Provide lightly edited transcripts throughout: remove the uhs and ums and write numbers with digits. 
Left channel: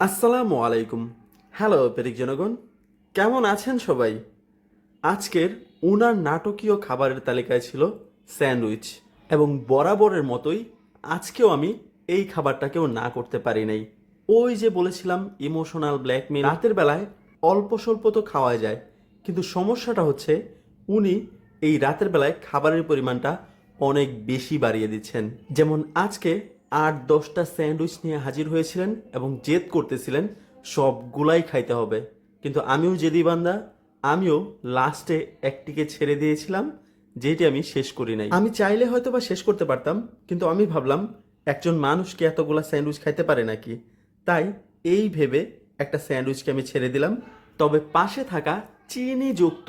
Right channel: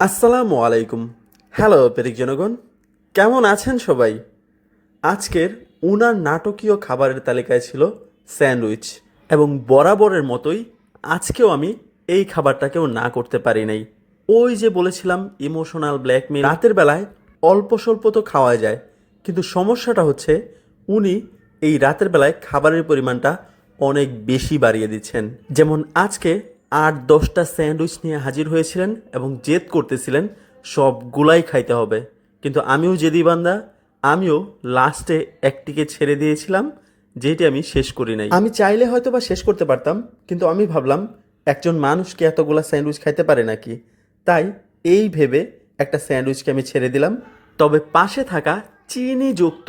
আসসালামু আলাইকুম। হ্যালো পেরিক জনগণ, কেমন আছেন সবাই? আজকের উনার নাটকীয় খাবারের তালিকায় ছিল স্যান্ডউইচ, এবং বরাবরের মতোই আজকেও আমি এই খাবারটাকেও না করতে পারি নাই। ওই যে বলেছিলাম ইমোশনাল ব্ল্যাকমেল, রাতের বেলায় অল্প স্বল্প তো খাওয়া যায়, কিন্তু সমস্যাটা হচ্ছে উনি এই রাতের বেলায় খাবারের পরিমাণটা অনেক বেশি বাড়িয়ে দিচ্ছেন। যেমন আজকে 8-10টা স্যান্ডউইচ নিয়ে হাজির হয়েছিলেন এবং জেদ করতেছিলেন সবগুলাই খাইতে হবে, কিন্তু আমিও জেদি বান্দা, আমিও লাস্টে একটিকে ছেড়ে দিয়েছিলাম, যেটি আমি শেষ করি নাই। আমি চাইলে হয়তো বা শেষ করতে পারতাম, কিন্তু আমি ভাবলাম একজন মানুষকে এতগুলা স্যান্ডউইচ খাইতে পারে নাকি, তাই এই ভেবে একটা স্যান্ডউইচকে আমি ছেড়ে দিলাম। তবে পাশে থাকা চিনিযুক্ত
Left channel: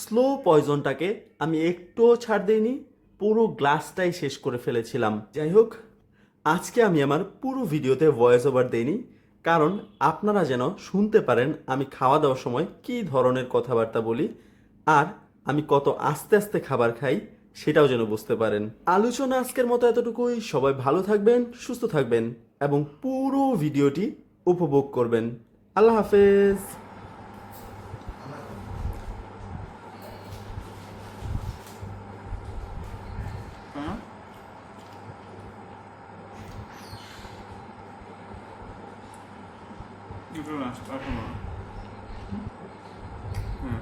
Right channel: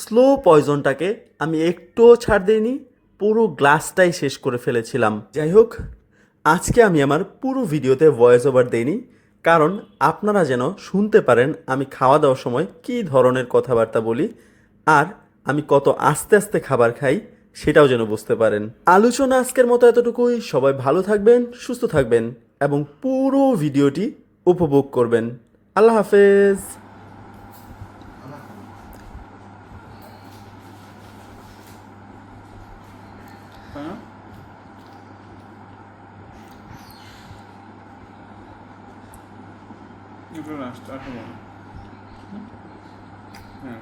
স্লো পয়জনটাকে আমি একটুও ছাড় দিইনি, পুরো গ্লাসটাই শেষ করে ফেলেছিলাম। যাই হোক, আজকে আমি আমার পুরো ভিডিওতে ভয়েস ওভার দেইনি, কারণ আপনারা যেন শুনতে পারেন আমি খাওয়া দাওয়ার সময় কী ধরনের কথাবার্তা বলি, আর আমি কত আস্তে আস্তে খাবার খাই সেটাও যেন বুঝতে পারেন। আলোচনা আজকের মতো এতটুকুই। সবাই ভালো থাকবেন, সুস্থ থাকবেন এবং পুরো ভিডিওটি উপভোগ করবেন। আল্লাহ হাফেজ। হ্যাঁ, এটা লাস্ট আর খাবো না। হ্যাঁ,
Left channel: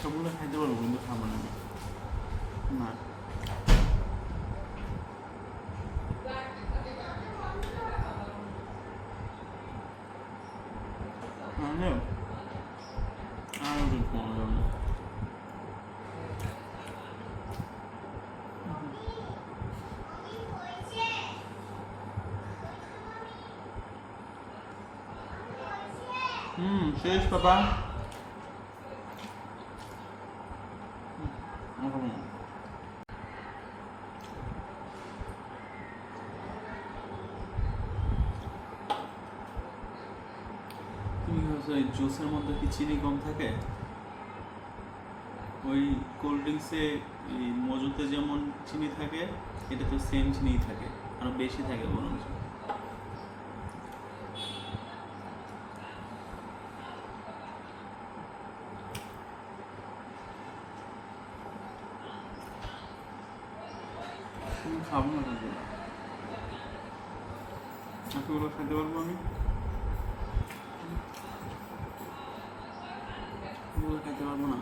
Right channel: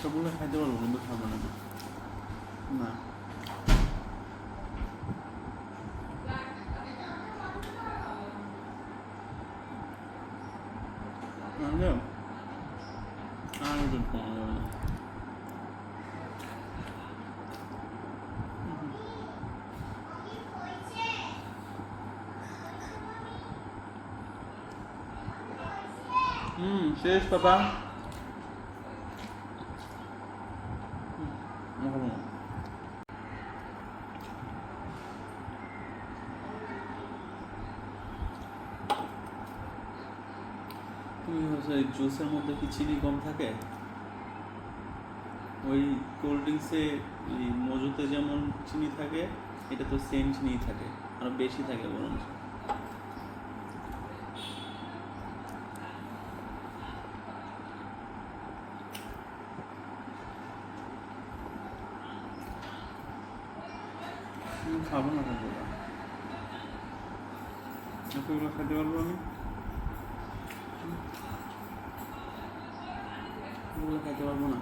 সবগুলো খাইতে পারবো কিন্তু খাবো না। না, আমিও আর ওদের কমে যাবে না। শেষ পাপা। খাবো না। তুমি হচ্ছে জুসের মধ্যে কি চিনি কম থাকে? ওই কোল্ড ড্রিঙ্কসে মজুতে যেমন চিনি থাকে, এটা তো সেম চিনি থাকে, আরো বেশি থাকে বরঞ্চ। তুমি খাবো না এগুলো, এতগুলো খেতে পারবো আমি? এগুলো খেতে পারবো না।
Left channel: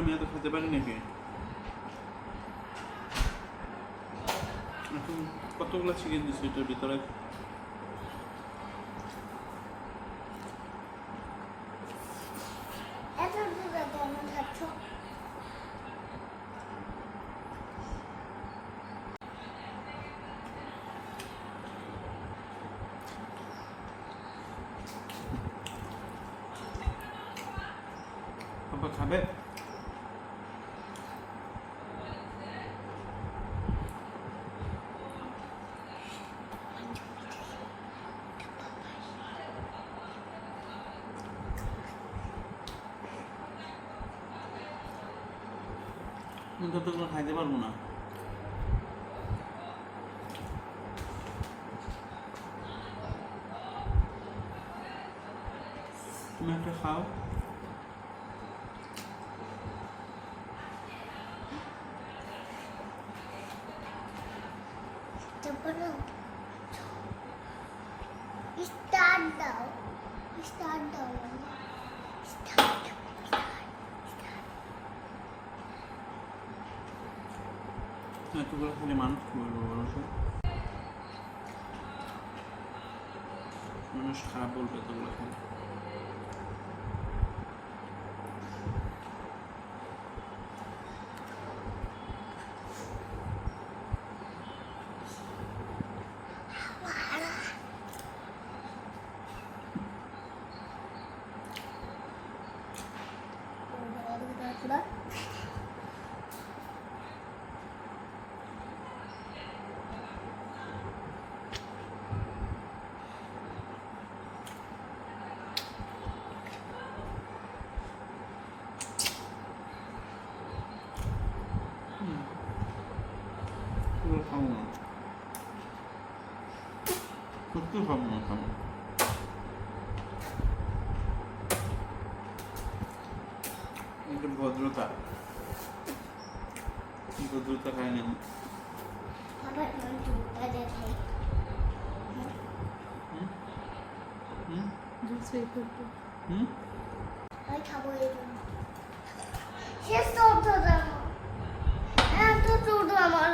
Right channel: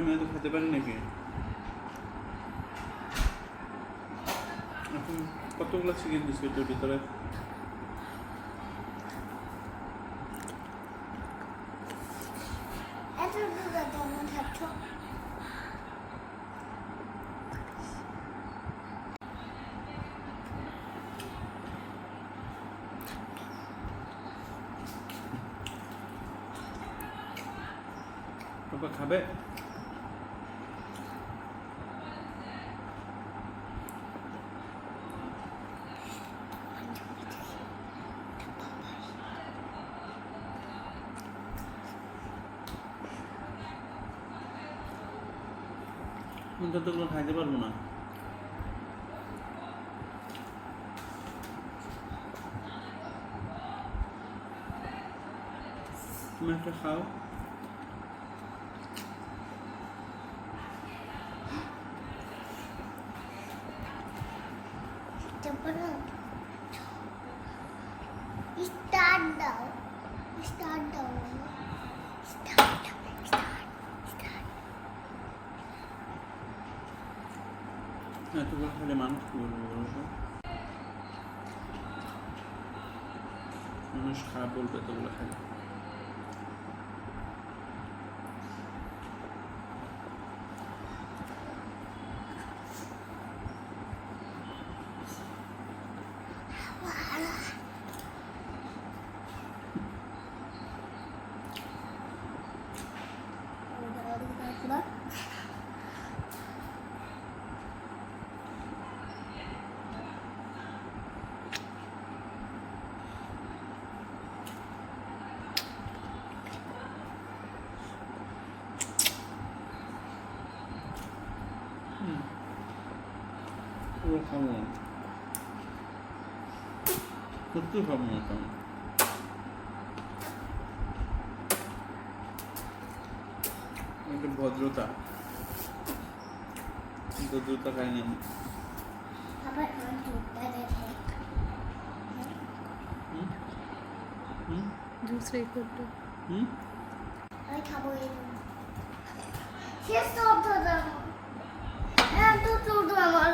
আমি এত খেতে পারি নাকি? এখন কতগুলো চিকেন দিচ্ছি এটার ভিতরে? পাপা খাবে? আমি কতগুলো খাইতে পারবো না। তুমি একটা খাও। স্টার্ট দাও, স্টার্ট দাও, এতগুলো খেলে মানুষ কি বলবো বলো তো? মানুষ খারাপ বলবে এতগুলো খেলে। এগুলো খাবো না, সত্যি খাবো না খাবো। এটা ভদ্রতা, ভদ্রতা খাই না আমি। আবার আমার দুধটা দেখে হুম दूसरे फोटो হুম আমি খাবো এই জন্য শেষ তো হতো আমার এত ছোট আমার